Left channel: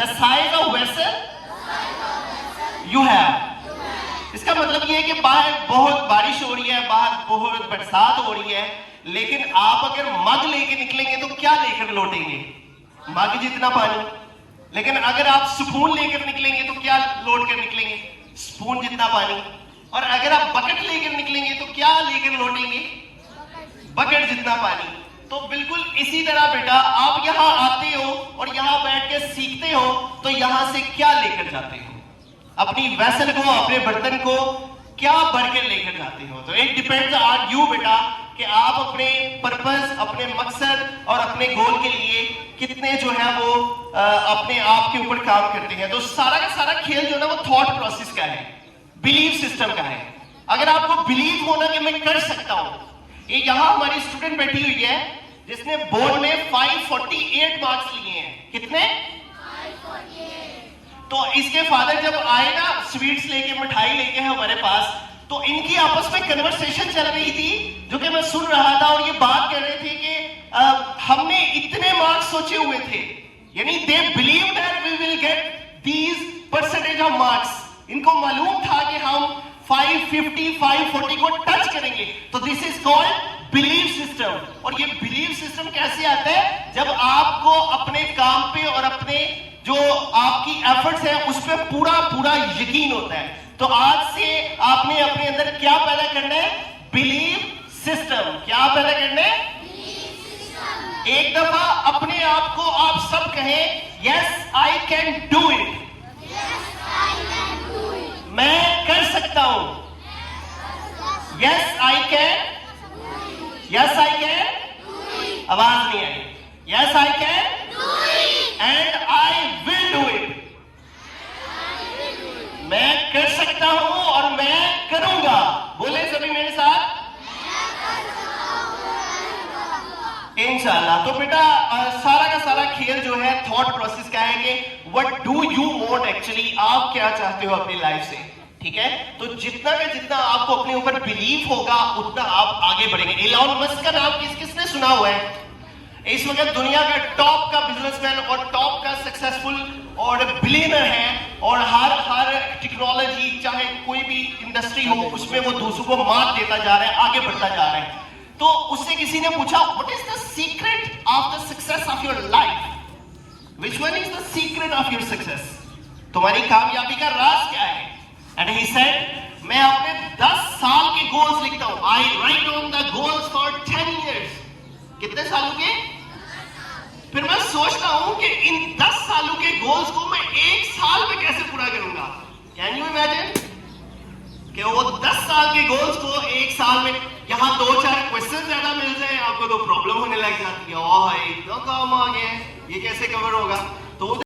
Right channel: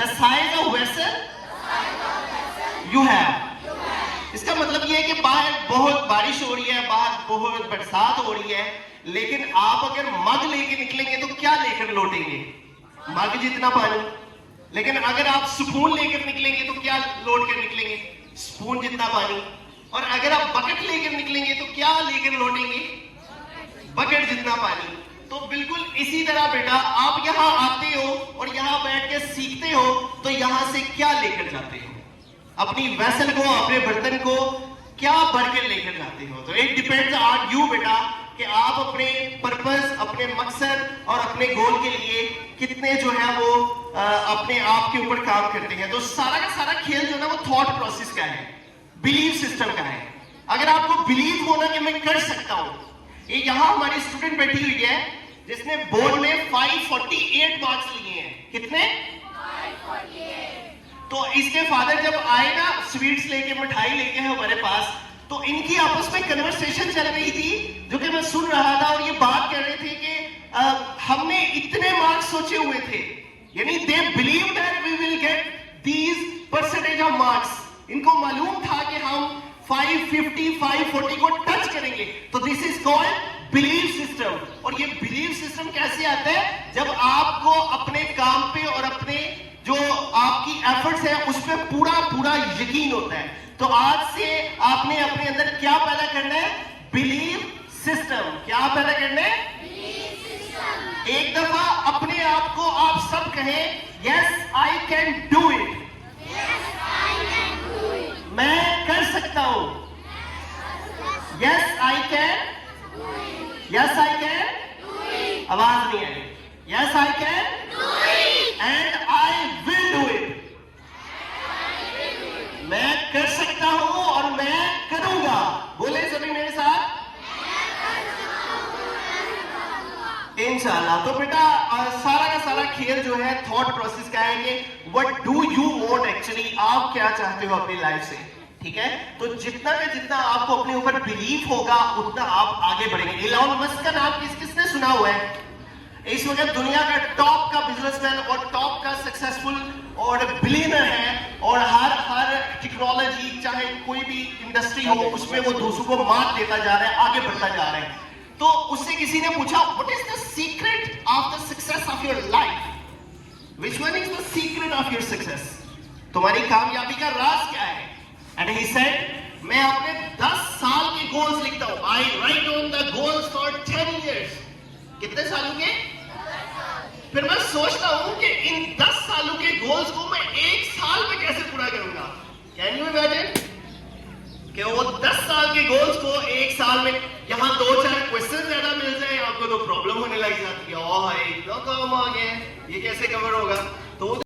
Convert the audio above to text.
The size of vessel you have. इसका मतलब ये है कि बाहर बहुत बारिश हो रही है, बाहर बहुत बरसात हो रही है, लेकिन आप अगर मग लेके निकलेंगे तो क्या लेकर लौटेंगे? मग जितना पानी। लेकिन अगर आप स्पून लेकर निकलेंगे तो क्या लोड कर निकलेंगे? स्पून जितना पानी। और अगर आप बकेट लेकर निकलेंगे तो क्या लेकर लौटेंगे? बकेट जितना पानी। तो बिल्कुल इसी तरह बेटा आप यहां आते हो और यहां बैठ के सीखते हो, तो यहां से क्या लेकर जाते हो? अपनी वेसल को, अपने बर्तन को क्या भरकर लेकर जाते हो? तो इट डिपेंड्स ऑन यू बेटा कि आप अपने पर्पस, अपने मकसद और अपने गोल के लिए कितने जो है वो अपने आप के ऊपर काम करते हैं। तो सारा का सारा खेल जो है वो थॉट प्रोसेस का है, बिलीफ सिस्टम का है। अगर आपको बिलीव होना कि मैं कर सकता हूं, ये यहां हमारी स्टूडेंट बैठी हुई है जिसने बोर्ड में 548 मार्क्स लिए हैं। कितने? 548। तो इसके फादर जब आए ना स्वीट्स लेके, मिठाई लेके है हमारे पास, तो इनकी आपस में कन्वर्सेशन चल रही थी जो कि मैं सुन रहा था, और ये बात कह रहे थे कि हमने इतने मार्क्स सोचे हुए थे, यानी they believe that we will get these percentage of marks. इनको मालूम था कि हम 550, 540 को टच करेंगे। तो this is called belief system. और ये बिलीफ सिस्टम कैसे आता है? जब आपको अपने काम पे और अपने जो आपकी एफर्ट्स है उस पर पूरा पूरा यकीन होता है। तो आज से आपने अपने अंदर क्या पैदा करना है? Belief system. क्या पैदा करना है? Belief system. एक दफा अपने आप को आप सब कहें, yes I can do it. मैं कर सकता हूं। Yes I can. Yes I can. आवाज नहीं आई। Yes I can and I will do it. मैं कर सकता हूं और मैं करूंगा। बोले सभी मेरे साथ, इंशाल्लाह। तो बेटा सारा का सारा खेल जो है थॉट प्रोसेस का है कि what do you want actually, आप क्या चाहते हो अपनी लाइफ से। ठीक है, तो जितना का जितना आपको अपने ऊपर बिलीव होगा उतना आप आगे बढ़ेंगे। इलॉन मस्क का नाम किसने सुना हुआ है? इस वक्त दुनिया का टॉप का बिजनेसमैन और टॉप का सक्सेसफुल और बिलियनर है, और हर टेक्नोलॉजी चाहे कोई भी इंडस्ट्री हो उसमें वो दूसरों को मात देता जा रहा है, आगे बढ़ता जा रहा है। तो उससे किसी ने पूछा, what is the secret of the success of your life? Which one is the secret of your success? तुम्हारी कामयाबी का राज क्या है? एंड ही सेड, मैं अपने 10 साल के गोल्स लिखता हूं। I write on the goals for 10 years. कितने सालों के? फिर मैं सोचता हूं कि इन 10 सालों के गोल्स को मैं 1 साल में कैसे पूरा करूंगा। कैन यू इमेजिन कि वो 10 साल के गोल्स को 1 साल में, यहां 2-4 क्वेश्चन ज्यादा मिल जाए आपको तो प्रॉब्लम होने लग जाती है। ओह इतना काम आ गया, ये कैसे कवर होगा? तो